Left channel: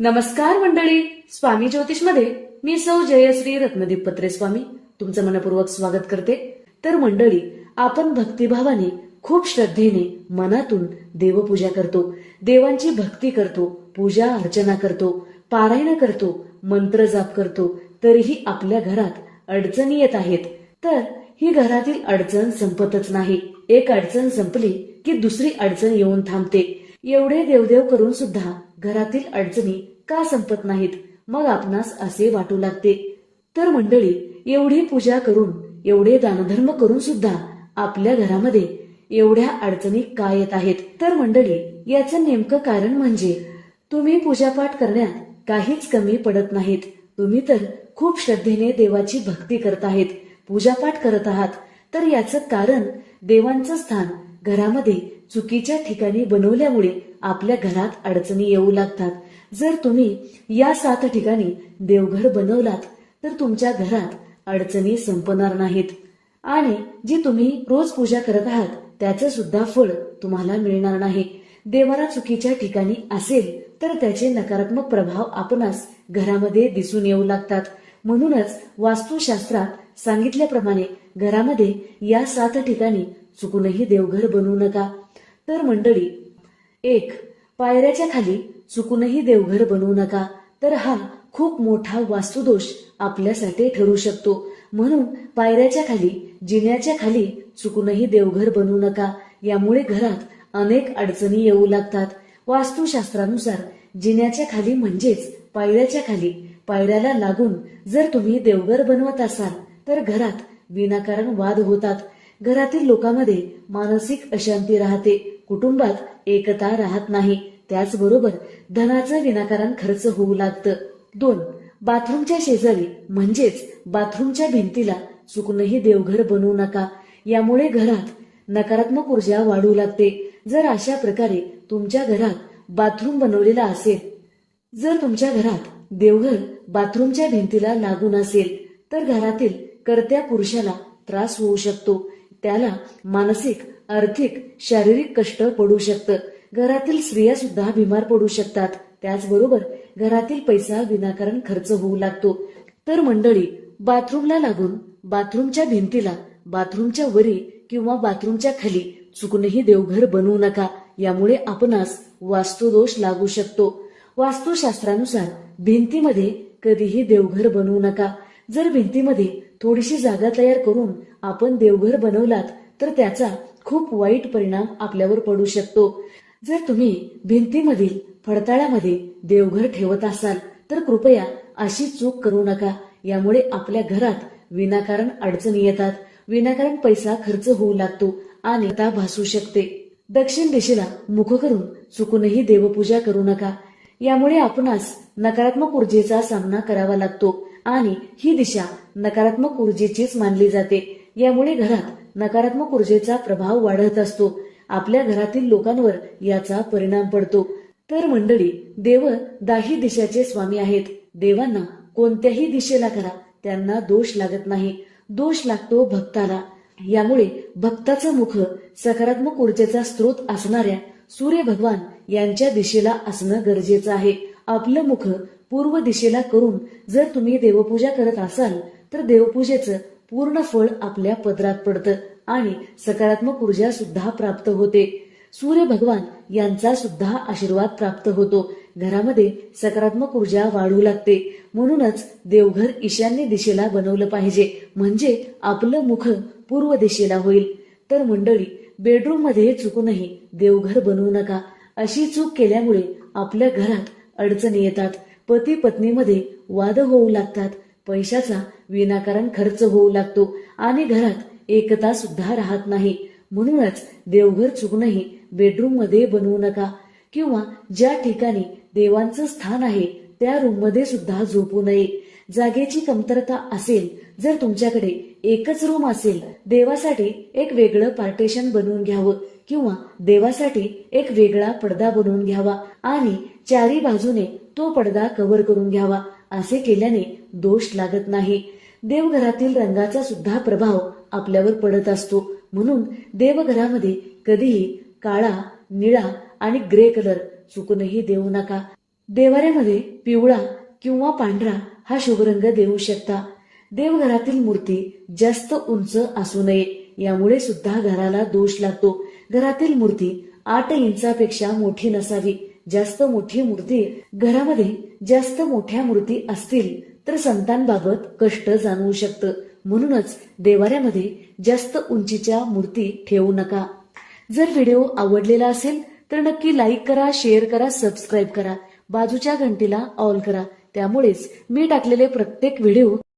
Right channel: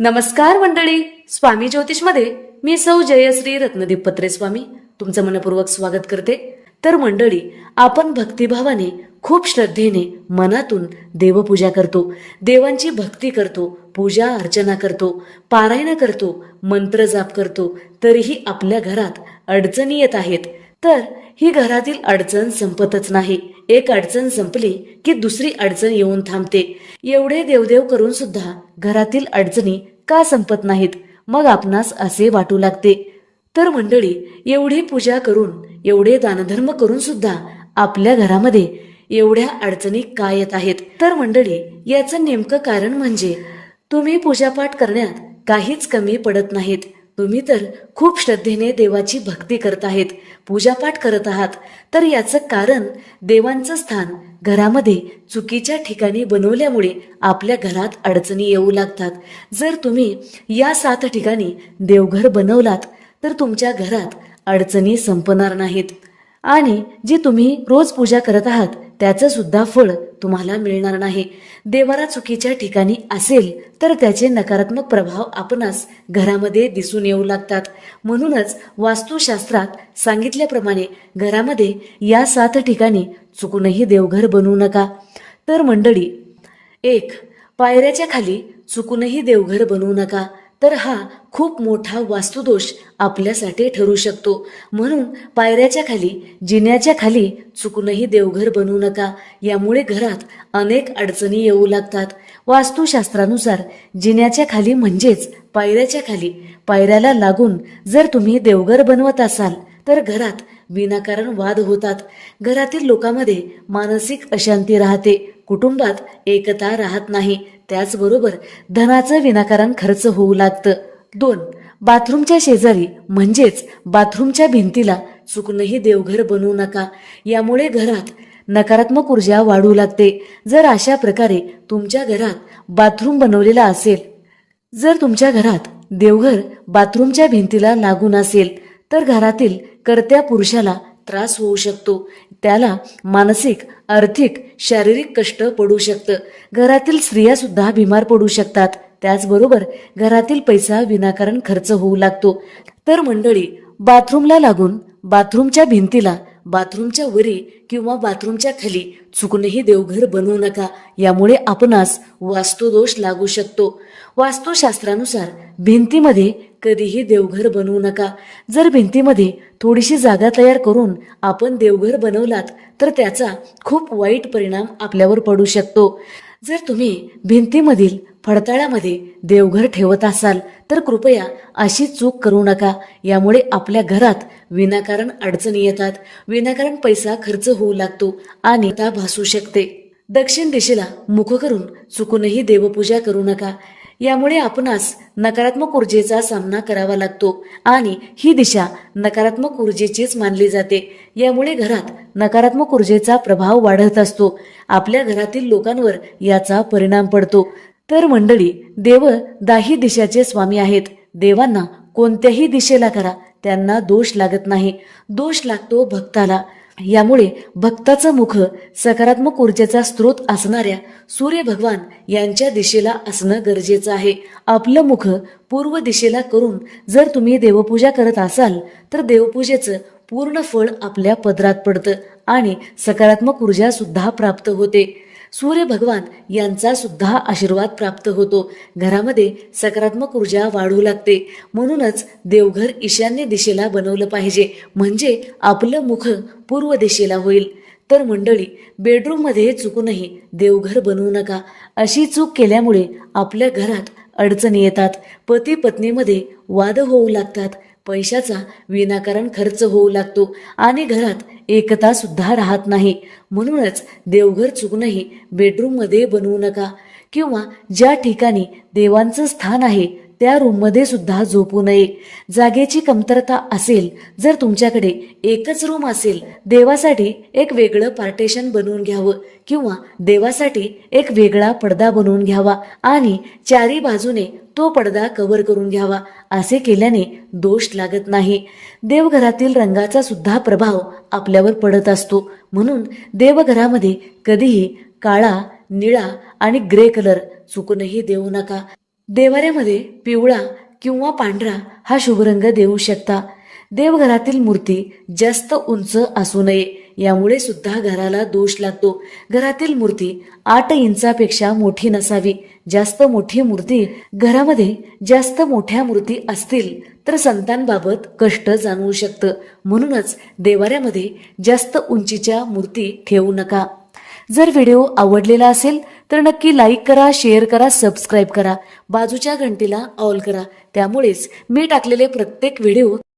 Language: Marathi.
नमस्कार मंडळी, स्वामी ज्योतिषमध्ये मी सौ जयश्री रत्नदीप पत्रे स्वामी तुमचं मनपूर्वक स्वागत करते. तर मंडळी, आपण भक्तिभावाने खूप श्रद्धेने मनातून देवपूजा करतो, देवांची भक्ती करतो, पूजा अर्चना करतो, पारायण करतो, मंत्र जाप करतो, तरीही आपल्या घरात अडचणी येत आहेत. तर ही घरातील अडचण संपतच नाही. एक अडचण संपली की दुसरी अडचण येऊन थांबते. एवढे देवदेव करून सुद्धा घरातील अडचणी का संपत नाहीत? मग आपणास असे वाटू लागते. तर मंडळी, एवढी पूजा करून, एवढे दानधर्म करून सुद्धा आपल्या घरामध्ये एवढ्या अडचणी का येत आहेत? तर मंडळी, याचं नेमकं कारण म्हणजे तुम्ही पूजापाठ करण्यात काहीच कमी पडत नाहीत. तुम्ही तर खूप श्रद्धेने देवाची भक्ती करत आहेत, पूजापाठ करत आहात. तर याचं कारण देवांचं स्थान घरामध्ये चुकीच्या ठिकाणी बनवल्यामुळे आपल्या घरात अडचणी येऊ लागतात. जर तुम्ही या 7 ठिकाणी देवघर बनवलात तर तुमच्या घरात अडचणी संपणार नाहीत आणि जी तुम्ही रोज पूजा करत आहात त्याचं सुद्धा फळ तुम्हाला मिळणार नाही. देवारा चुकीच्या ठिकाणी असेल तर त्याचे नकारात्मक प्रभाव आपणास घरामध्ये दिसून येऊ लागतात. म्हणूनच वास्तुशास्त्रात सांगितल्याप्रमाणे घरामध्ये या 7 ठिकाणी चुकूनही देवघर बनवू नका. तर मंडळी, 1. पायऱ्याच्या खाली चुकूनही देवघर बनवू नका. तर हा खूप मोठा वास्तुदोष आपल्यासाठी ठरू शकतो. म्हणून पायऱ्याच्या खाली, जिन्याच्या खाली चुकूनही देवघर बनवू नका. यामुळे घरात अनेक अडचणी येऊ लागतात. वास्तुशास्त्रानुसार जिन्याच्या खाली म्हणजेच पायऱ्याच्या खाली, पायऱ्याला लागून जर तुम्ही देवघर बनवत असाल तर घरात विनाकारण वाद होतात. घरातील लोकांमध्ये मानसिक अशांती राहते, कुटुंबात एकता राहत नाही. त्याचबरोबर धनाचं विनाकारण खर्च होऊ लागतं. 2. बाथरूमच्या शेजारी म्हणजेच बाथरूमच्या भिंतीला चुकूनही देवघर बनवू नका. यामुळे घरात नकारात्मक ऊर्जा वाढू लागते. जर अशा प्रकारे तुमच्या घरात बाथरूम बनवलेला असेल, जर तुमच्या घरात देवघर बाथरूमच्या भिंतीला लागून असेल तर घरातील कर्त्या पुरुषाला त्रास होऊ शकतो. त्याला मानसिक, आर्थिक, शारीरिक कष्ट पडू शकतं. घरातील स्त्रिया सुद्धा बिमार पडू शकतात. त्याचबरोबर घरातील पैसा विनाकारण खर्च होऊ लागतो. तर मंडळी, बाथरूमला लागून, बाथरूमच्या भिंतीला, बाथरूमच्या वरी किंवा बाथरूमच्या खाली चुकूनही देवघर बनवू नका. यामुळे आपणास वास्तुदोष लागू शकतो. वास्तुशास्त्रानुसार भिंतीमध्ये कधीही देवघर बनवू नका. जर भिंतीमध्ये थोडीशी जागा तयार करून आपण देवघर बनवलात तर त्याचा खूप वाईट परिणाम आपल्यावर पडू शकतो. जर तुम्ही भिंतीमधील फडताळ्यामध्ये देवघर ठेवत असाल तर कृपया अशी चूक करू नका. यामुळे आपल्या घरात विनाकारण अडचणी येतात, विनाकारण पैसा खर्च होऊ लागतो आणि ता भासू शकते. दक्षिण दिशेला मुख करून चुकूनही देवपूजा करू नका. यामुळे आपणास नकारात्मक ऊर्जेचा सामना करावा लागतो आणि ही दिशा नकारात्मक ऊर्जेचीच मानली जाते. यामुळे घरात नकारात्मक ऊर्जेचा प्रभाव वाढत असतो. आपल्या घरातील लोकांवर याचा परिणाम पडतो. तर मंडळी, देव 10 दिशाचे स्वामी आहेत. देवांना कोणत्याही दिशेला करा, त्यांना दोष लागत नाही. दोष लागतो भक्ताला. यामुळे भक्ताचं मुख सकारात्मक ऊर्जेचा स्रोत असणाऱ्या सूर्य भगवान यांच्या दिशेला असणं गरजेचं आहे. आपलं मुख पूर्व दिशेला करून जर तुम्ही देवपूजा करत असाल तर देवपूजेचं पूर्ण फळ आपल्या पदरात पडतं आणि सकारात्मक ऊर्जा सुद्धा प्राप्त होते. सूर्य भगवान यांचा सुद्धा आशीर्वाद प्राप्त होतो. घरामध्ये सकारात्मक ऊर्जा वाढू लागते. म्हणूनच देवघर ईशान्य दिशेला बनवलं पाहिजे, म्हणजे आपलं मुख पूर्व दिशेला होईल. तर मंडळी, बेडरूममध्ये चुकूनही देवघर बनवू नका. अशी चूक केल्यामुळे आपल्या घरात अडचणी येतात, पती पत्नीमध्ये वाद होऊ लागतात, पैशाचा विनाकारण खर्च होऊ लागतो आणि घरात एकता सुद्धा राहत नाही. म्हणूनच देवघर चुकूनही बेडरूममध्ये बनवू नका. किंवा ज्या ठिकाणी देवांचं स्थान आहे त्या रूममध्ये सुद्धा झोपू नये. जागेची कमतरता असेल, जर तुमच्याकडे एकच रूम असेल, देवासाठी एक वेगळं पार्टेशन बनवून घ्यावं किंवा देवासाठी एक वेगळा पडदा बनवून घ्यावा आणि चारी बाजूने तो पडदा कव्हर करून घ्यावा. असे केल्याने दोष लागत नाही. देवघरातील रंगाचा सुद्धा प्रभाव आपल्यावर पडत असतो. म्हणून देवघरामध्ये कधीही काळा, निळा आणि ग्रे कलर चुकूनही देऊ नका. देवाऱ्यामध्ये पिवळा किंवा पांढरा हा शुभ रंग देऊ शकता. देवघरातील मूर्ती जास्त उंच असू नये, यामुळे सुद्धा घराला दोष लागतो. घरातील मूर्ती 8 इंचापेक्षा मोठी नसावी. जास्त मोठी मूर्ती घरामध्ये जास्त मोठ्या मूर्ती असतील तर संतांबाबत कष्ट जाणवू शकतं. म्हणूनच देवाऱ्यामध्ये जास्त उंचीच्या मूर्ती ठेवू नका. जर व्हिडिओ आवडलेला असेल तर नक्की लाईक करा, शेअर करा, सबस्क्राईब करा, बाजूच्या घंटीला ऑल करा. त्यामुळेच मी टाकलेले प्रत्येक व्हिडिओ